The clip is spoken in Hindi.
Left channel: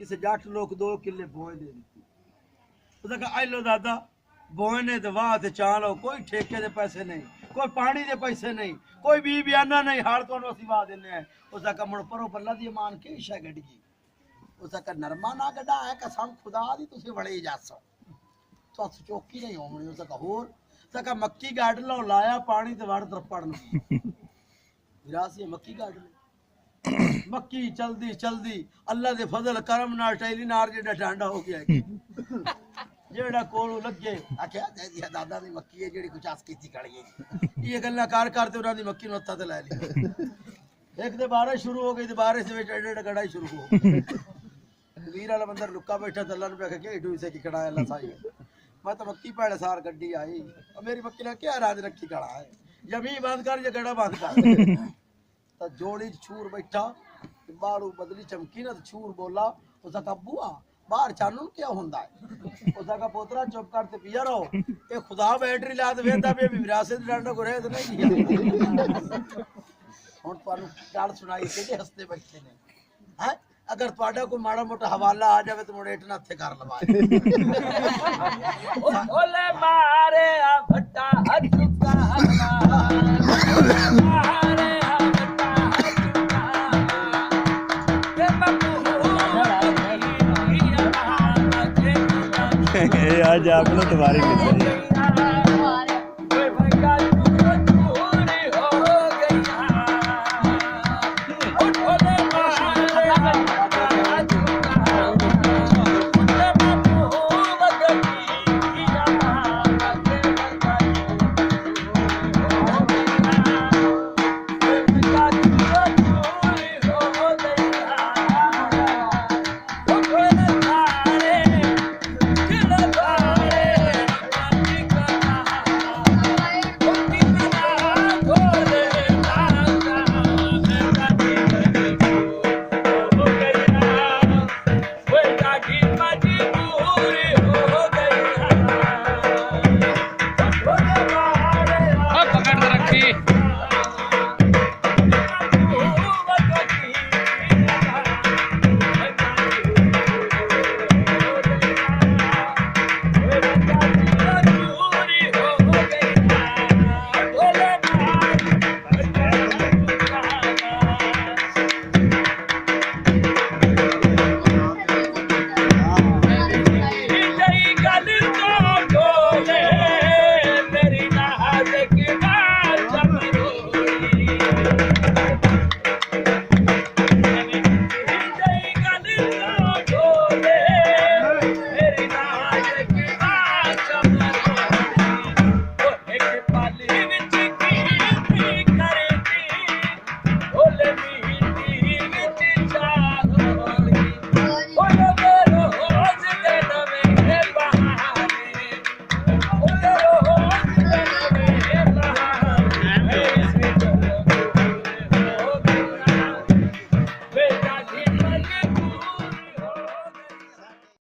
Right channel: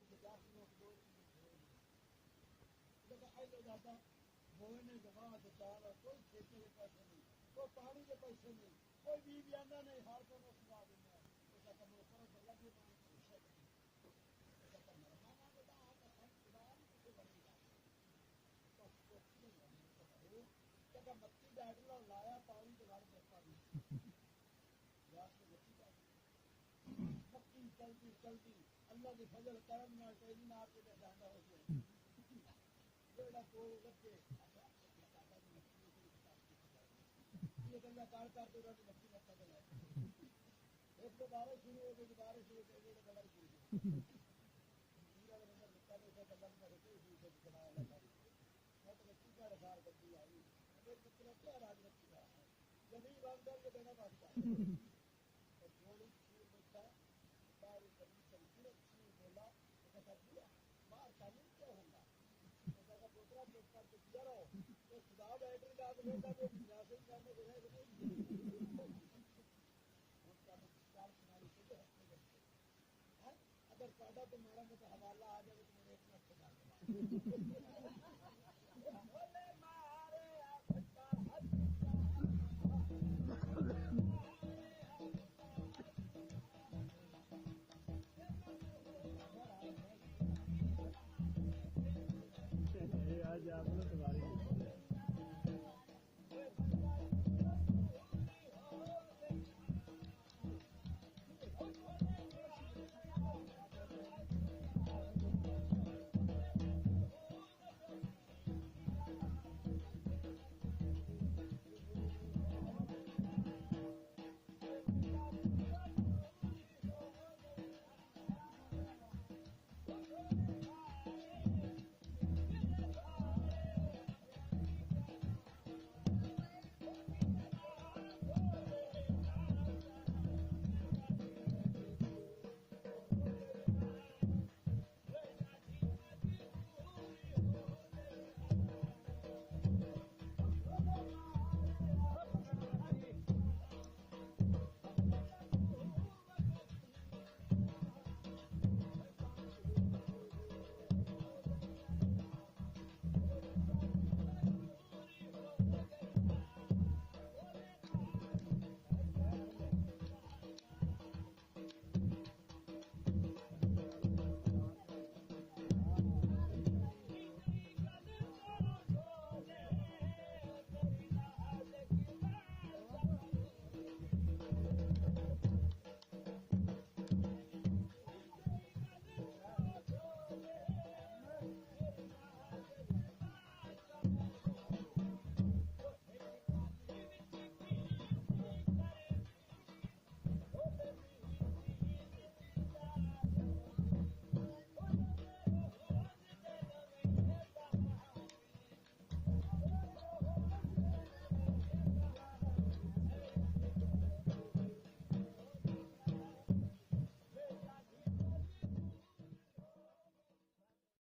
किसी जट लोग 2 किले बोए दे दी। उसने कहा लो दादा बोने तो वाह ते चालो, कोई ठेके दे पैसे नहीं, कोई पानी दे पैसे नहीं, कोई बी बयाना नहीं, हाड़ तो असी वाह देने हैं। उसका कहा मुड़ परो पल्ला दी मान के इशा गड़ी। उसका कहा नरमा ना गड्ढा है कसम खुदा दी तुसी बड़े जासो तो अस चौकी नहीं होनी। उसका कहा होर सका मक्की गाड़ लो लाया पानी ते वड़ तरपड़ विरासी मक्की गाड़ लो। मक्की चलदी चलदी अल्लाह दे फजल करम नाल टैली नार जेड़ा डांडा हो गया जेड़ा कोलू लगे आख्या दिया दादा दी मक्की है जेड़ी कुछ आस कीती खड़ी है। ये गल्ला कर करते उन्हां दी मक्की नु हत्था ते लै ली। एक दे बारिश शुरू हो गई ते बारिश दे विच एडे गड़ाई शुरू हो गई। वीर वाला बंदर लुक्का बैठा ते अल्लाह नु कह के इडू से की खड़ा है अल्लाह साई मैं तो मक्की पहले सार गड्डी आई और मेरी मक्की ने क्या राज रखी खड़ा है जमी बंद कर या गड़ा बंद कर। तो जोड़ी छूर बैठा बाड़ू बदली चमकी ना तो छूर बोला उसका कब्बुआ बाहर चानू क्या होंदा है। उसका पोतरा चुप करते पिया रहो ये खुदा बैटरी ला दे वेंदा पे विरासत डांडा को रहे तो नहीं किया। हुन तुहानू गल सुनाई किहदे हस्ते बैठे ने हैं अगर तुहाडा कोई माड़ा मोटा हवाला आ जावे तो मुड़े इतना हथे कर लवाए। ओले मारे आ भट्टा अजुका मारे आ भट्टा आज आपने तुम्हारी